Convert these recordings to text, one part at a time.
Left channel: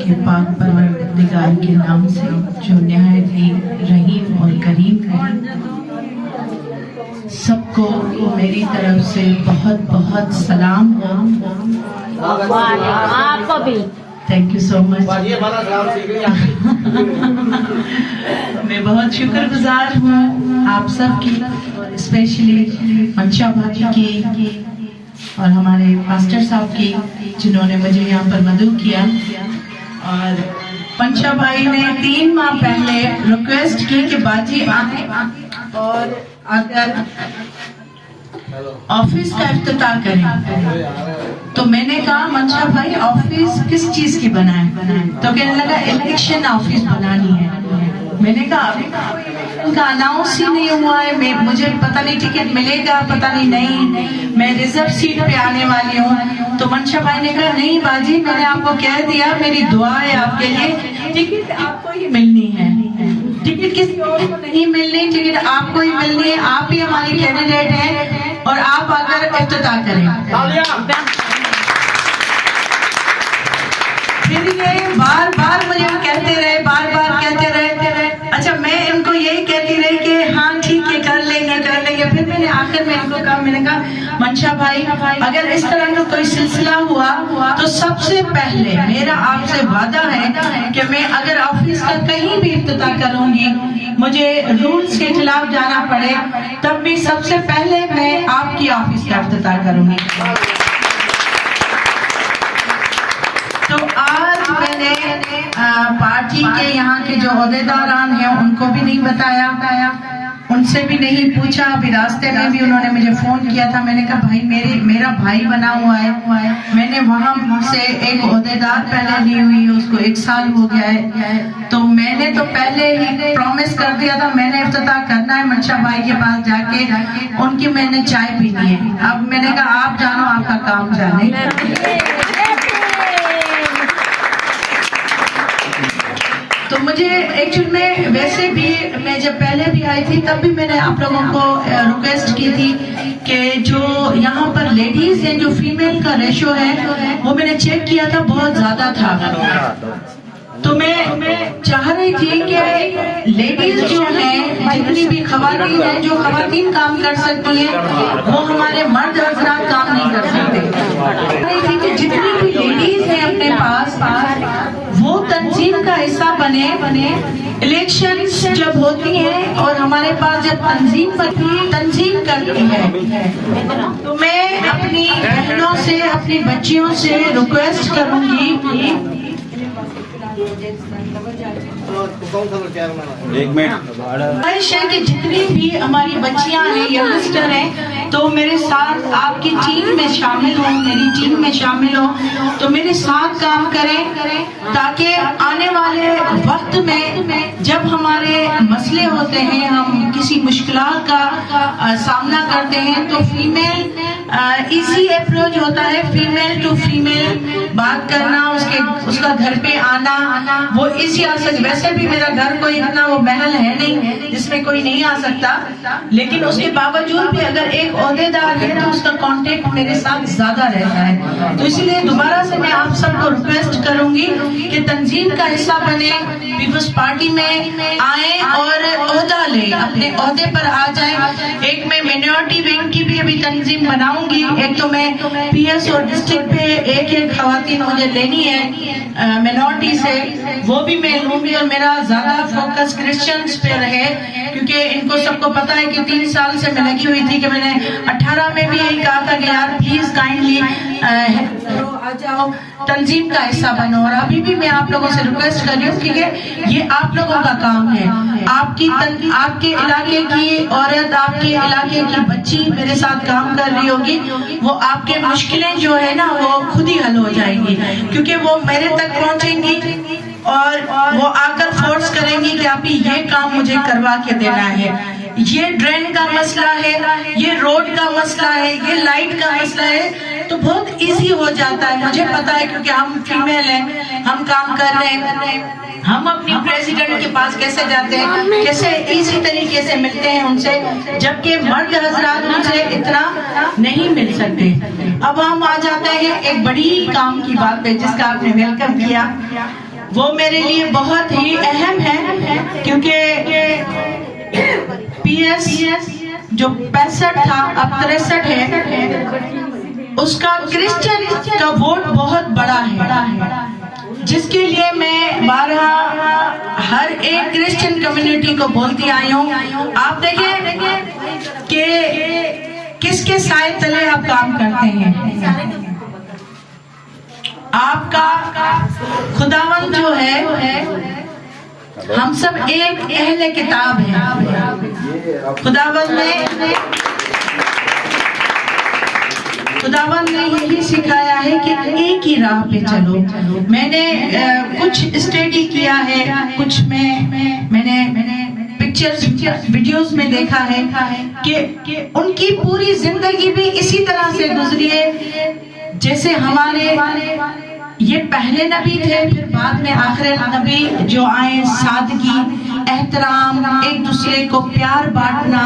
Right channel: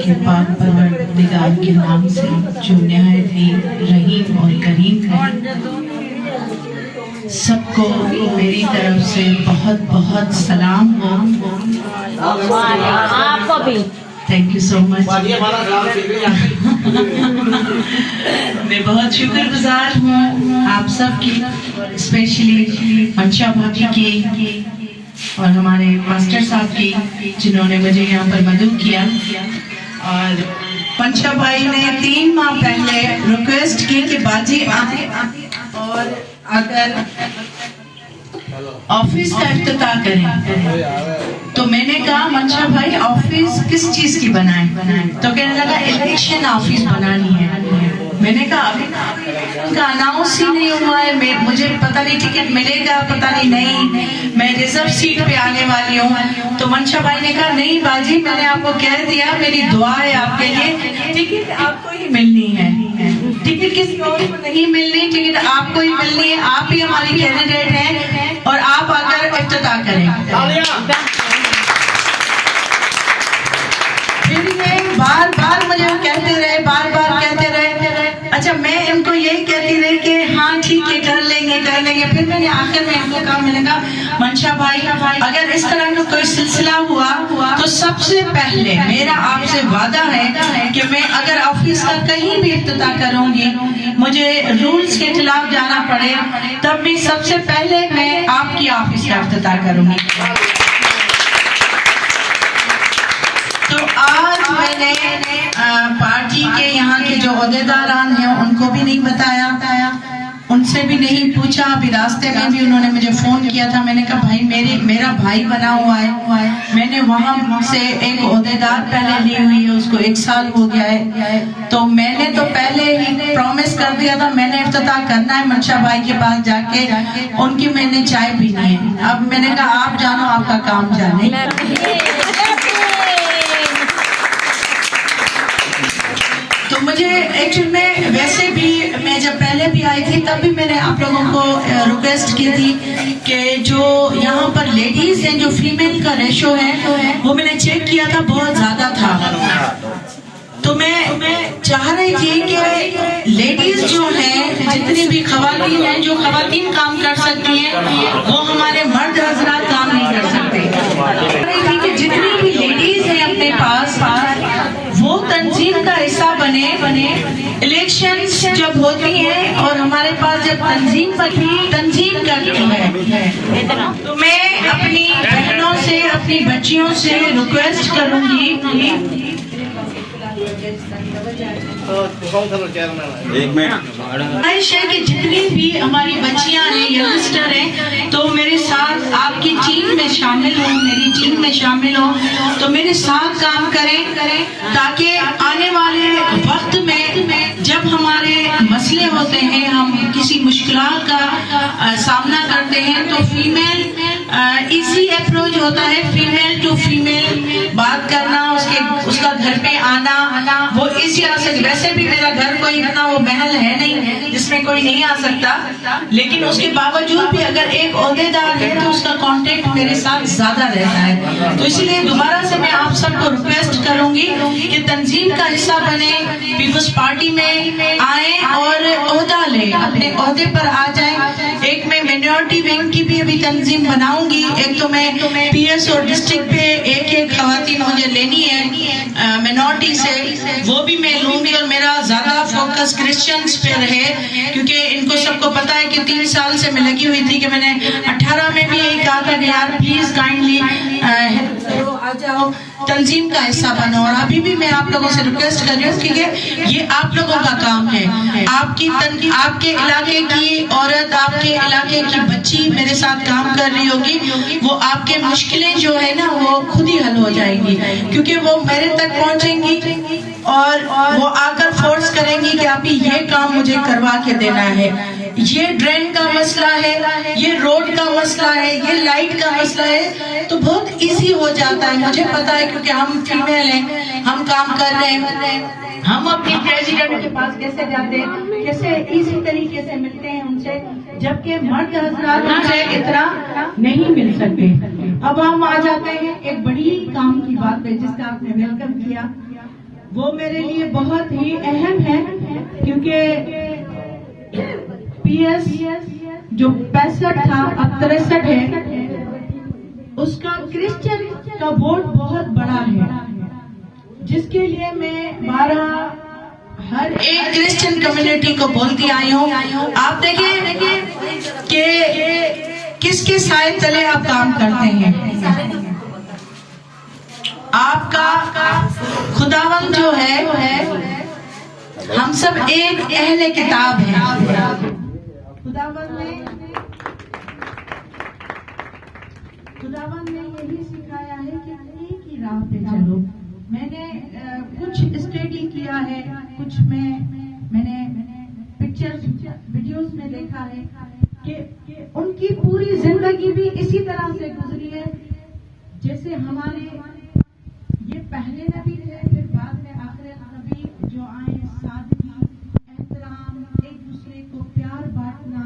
के पाक परवरदिगार के नाम से जो निहायत ही रहीम और करीम है। सबको मेरी तरफ से बहुत बहुत सलाम हो। आपको भी थैंक यू सो मच। मैं बहुत शुक्रगुजार हूँ आप सब की, स्पेशली मंशा भाभी की और हमारे मास्टर साहब की जिन्होंने मुझे यहाँ पर मदद किया। और मंशा भाई ने 3 माह पहले रिक्वेस्ट की कि बाजी आए और अगर ऑफिस का इफ्तिताह करें, तो मैंने कहा मंशा भाई ऑफिस किस चीज की बनाए? तो कहने लगा इलेक्शन ऑफिस बनानी है। मैंने कहा अभी उनका अनाउंस ही नहीं हुआ है, मुझे पता नहीं टिकट मिलेगा, पता नहीं मैं रिजर्व सीट पे आने वाली हूँ। तो मंशा भाई ने कहा नहीं बाजी, मैंने आपको कह दिया, मेरी दुआ है आपके लिए, टिकट आपको ही मिलनी है, टिकट किसी और को नहीं मिलनी, टिकट आपको ही मिलनी है। आप ही हमारी कैंडिडेट हैं और आप आकर इफ्तिताह करें। फिर ये बार बार मुझे कहते रहे, बार बार कहते रहे। अच्छा, मैं इनको यही कहती रही कि हाँ ठीक है कर लेंगे कर लेंगे। फिर मैंने आखिर में इनको कहा, मैंने कहा मंशा भाई अगर इस तरह का कोई सिलसिला हुआ तो सबसे पहले मेरा आपसे वादा है कि मैं अगर ऑफिस का कहीं भी इफ्तिताह करूंगी, मुझे रूल्स के खिलाफ जाना पड़े, तब भी सबसे पहले मैं आपकी ऑफिस का इफ्तिताह करूंगी। तो आज मैंने पार्टी के यहाँ के जो ओहदेदारान हैं उनको भी नहीं बताया, उनसे भी नहीं पूछा। अभी रास्ते में भी उन्होंने मुझे फोन किया था, मैंने कहा भाई मेरा भाई बना हुआ है, मैंने वहां से एक ओहदेदार पहले ली हुई है, उसको 1 साल हो गया है, तो मैंने तो पहले ही प्रॉमिस कर दिया था मैंने इफ्तिताह करना है मंशा भाई के पास जाके, उनकी मैंने चाय पीनी है। अब मैंने कहा आप जानो, आपका काम जाने। तो मुझे एक्चुअल में वैसे भी मैं जब पहले भी आई थी तब भी मैंने आप लोगों को रिक्वेस्ट की थी कि जो यहाँ पर लेडीज हैं, जो फीमेल का रेशो है वो मैंने चेक किया था, बहुत ज्यादा था। तो मैं चाह रही थी कि लेडीज जो हैं, जितनी भी खवातीन हैं, जो खवातीन काम कर सकती हैं वो हमारे मर्द हजरात काम नहीं कर सकते। चाह रही थी कि जितनी भी लेडीज हैं अपने पास वो तंजीम का हिस्सा बने। इलेक्शंस जब होती हैं और हमारे पास जब तंजीम करती है, तो मैं अपनी बहनों से, अपनी बच्चियों से रिक्वेस्ट करूंगी, एक मिनट, ख्वाहिश है कि जितनी भी हमारी बच्चियां हैं, यंगस्टर हैं, तो मेरे साथ आपकी टीम में शामिल हो, मेरी टीम में शामिल हो, तो मेरे साथ काम करें ताकि आने वाले वक्त में जब हमारे मसले होते हैं, हम किसी मुश्किलात का सामना करते हैं, तो फीमेल इजी अप्रोच होता है, फीमेल टू फीमेल बात करना, उसका घर पे आना, वो इसी से। वैसे भी मेरा घर कोई इतना वो महल है नहीं जिसमें कोई नहीं आ सकता, लेकिन उसके बावजूद भी अगर एक ओहदेदार है तो उसका कांटेक्ट मेरे साथ ज्यादा रहता है। तो इसलिए दोबारा से मैं आप सबको रिक्वेस्ट करूंगी कि तंजीम का हिस्सा बने, पीपल्स पार्टी में आए और ओहदा ले, अपने ओहदे पर आ जाए। एक मैं मिनॉरिटी विंग की भी अभी तंजीम बनाऊंगी, एक तो मैं पीएस और डिस्ट्रिक्ट पे एक खवातीन मुझे लेनी है मिनॉरिटी से, वो भी मैं लूंगी और मेरा ज्यादा फोकस क्रिश्चियंस पे रहे, क्योंकि इनको सबको पता है कि 3 साल से मैं लगी हुई थी कि मैंने 18 में भी यही कहा था कि यार प्लीज काइंडली आ जाओ, तंजीम का हिस्सा बनो। और अभी भी मैं आप लोगों से रिक्वेस्ट कर रही हूँ क्योंकि ये आप लोगों का काम है, आपके इलाके की औरत, आपके इलाके की बच्ची मेरे साथ काम कर रही होगी, वो आपके मुश्किलें जो है ना वो खुद ही हल हो जाएंगी, क्योंकि वो मेरे तक पहुंचेंगी और वो आकर फोर्स करेंगी कि आप ये काम मुझे करवा के देना है, ये ड्रेन का मसला है, ये रोड का मसला है, ये लाइट का मसला है, तो बहुत इजी हो जाता है। मुझे पता है क्योंकि हम फीमेल हैं, हम काम कर रहे हैं, हम अपनी प्रेसिडेंट के पास कैसे जाते हैं, कैसे इजी तरीके से मिलते हैं उनसे, जबकि मर्द हजरात उनसे इतना नहीं मिल सकते। अब हम आ जाते हैं एक बड़ी काम की बात पे जिसका आपने वेलकम किया। वो मेरे लिए बहुत ही अहम है, क्योंकि PS जो 65 था अब 63 है, उसका क्रिश्चियन का वोट बहुत बड़ा है, जिसके लिए मैं 12 हर एक क्रिश्चियन कम्युनिटी को बोलती आई हूँ। आप देखिए कि किसके साए तले आप काम करते हैं। आपका खुदावन जो है, हम सब एक अहले किताब है। खुदावन ने यही सिखाया है कि एक ही राह पे चलो। मैंने कुछ स्टडी किया है, कुछ मैंने पिक्चर्स वीडियोस में देखा है कि उनकी पूरी जिंदगी भी इसी तरह से गुजरी है जैसे हमारे ये पहले नबी थे, फिर बाद में आखिरी नबी जो आए। सादगी, एहतराम, एक दूसरे को प्यार बांटना,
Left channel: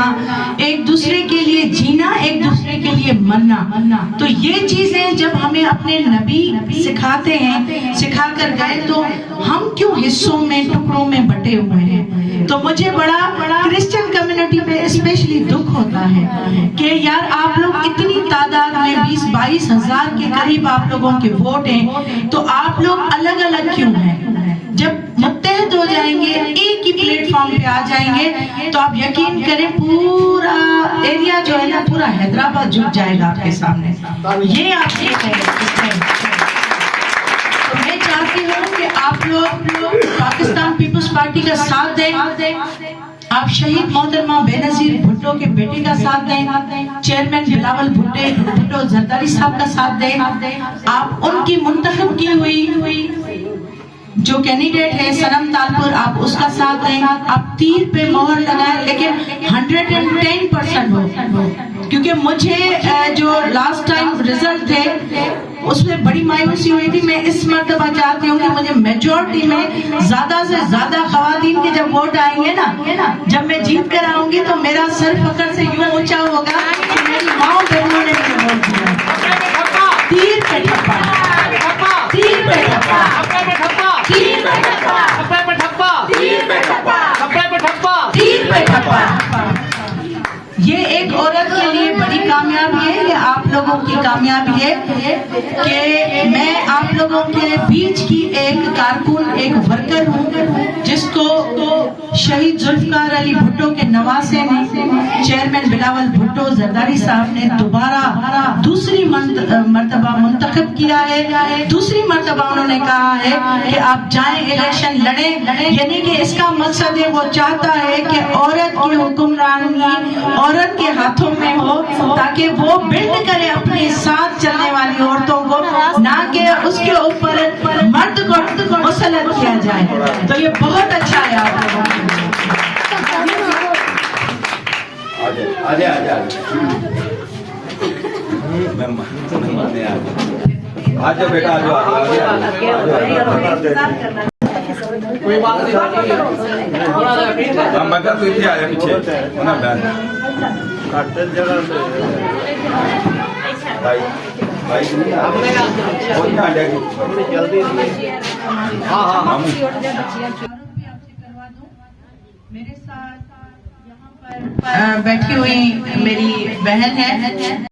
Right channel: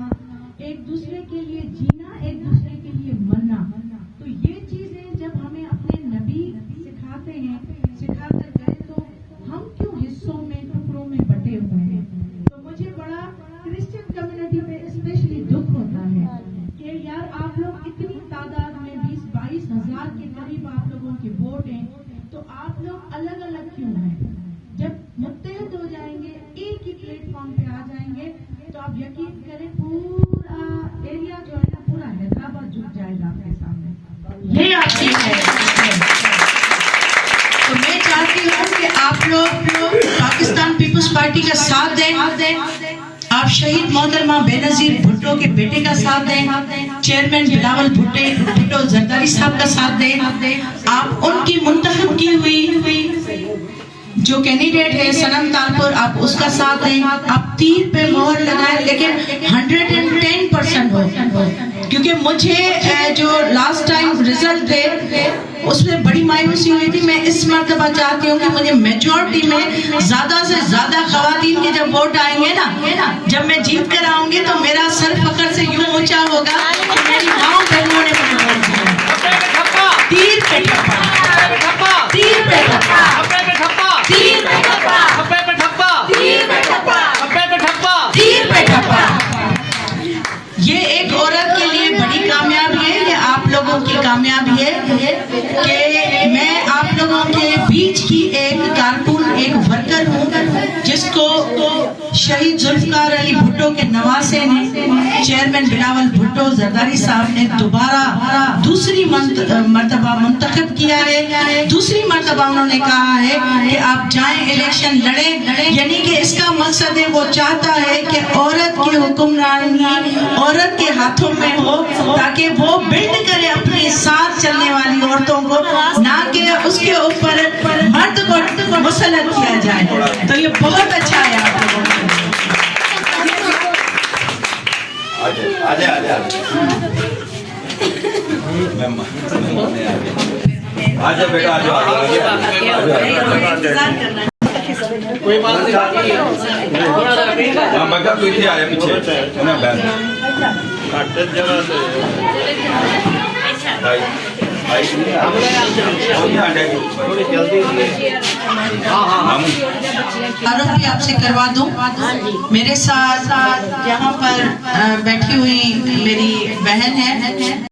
एक दूसरे के लिए जीना, एक दूसरे के लिए मरना। तो ये चीजें जब हमें अपने नबी सिखाते हैं, सिखा कर गए, तो हम क्यों हिस्सों में, टुकड़ों में बटे हुए हैं। तो मुझे बड़ा क्रिश्चियन कम्युनिटी में स्पेशली दुख होता है कि यार आप लोग इतनी तादाद में 20-22 हजार के करीब आप लोगों के वोट हैं, तो आप लोग अलग अलग क्यों हैं। जब मुत्तहद हो जाएंगे, एक ही प्लेटफॉर्म पे आ जाएंगे, तो आप यकीन करें पूरा एरिया जो है ना, पूरा हैदराबाद झुक जाएगा आपके सामने। ये आपकी है। तो मैं चाहती हूँ कि आप लोग पाकिस्तान पीपुल्स पार्टी का साथ दें, आप शहीद मोहतरमा बेनजीर भुट्टो के बेटे का साथ दें, चेयरमैन बिलावल भुट्टो जरदारी साहब का साथ दें, आप उनकी मुंतखब की हुई जो कैंडिडेट है सनम तालपुर, आप उसका साथ दें। आप तीर पे मोहर लगाए, लेकिन 110% हो, क्योंकि मुझे जो लास्ट टाइम रिजल्ट थे उसमें बड़ी मायूसी हुई थी। मैं इस मर्तबा चाहती हूँ कि मुझे मेजोरिटी में ज्यादा से ज्यादा खवातीन के जब वोट आएंगे ना, जब मैं जीत कर आऊंगी, तो मेरा सर फखर से यूं ऊंचा होगा कि मेरी माँ बहनों ने मुझे वोट दिया। तीर पे ठप्पा, तीर पे ठप्पा, तीर पे ठप्पा, तीर पे ठप्पा। ये एक औरत के लिए बड़ी कामयाबी है, ये आप लोगों की कामयाबी है कि मैं आप लोगों के बीच की एक कारकुन, एक वर्कर हूँ, जिसको शहीद जुल्फकार अली भुट्टो के नवासे ने, चेयरमैन बिलावल भुट्टो जरदारी साहब ने दोबारा दूसरी मर्तबा मुंतखब किया है। दूसरी मर्तबा उन्होंने कहा है कि आप जाएं, इलेक्शन लड़ें, यानी कि इसका मकसद है, वो चाहता है कि औरत की हुक्मरानी औरत के हाथों में हो, ताकि वो बिल्ड करे अपने साथ चलने वाली औरतों को, ना कि उसके ऊपर मर्द को मुसल्लत किया जाए। तो ये बहुत अच्छा है आप लोगों के लिए। आजा बेटा, आजा कोई बात नहीं। मैं क्या कोई थी आया पीछे ना बैन काटे जरा से भाई भाई नहीं आ जाएगी जल्दी। हाँ भी आपसे करवा दूं। मेरे साथ यहाँ पर बैठी हुई मेरी बहन है।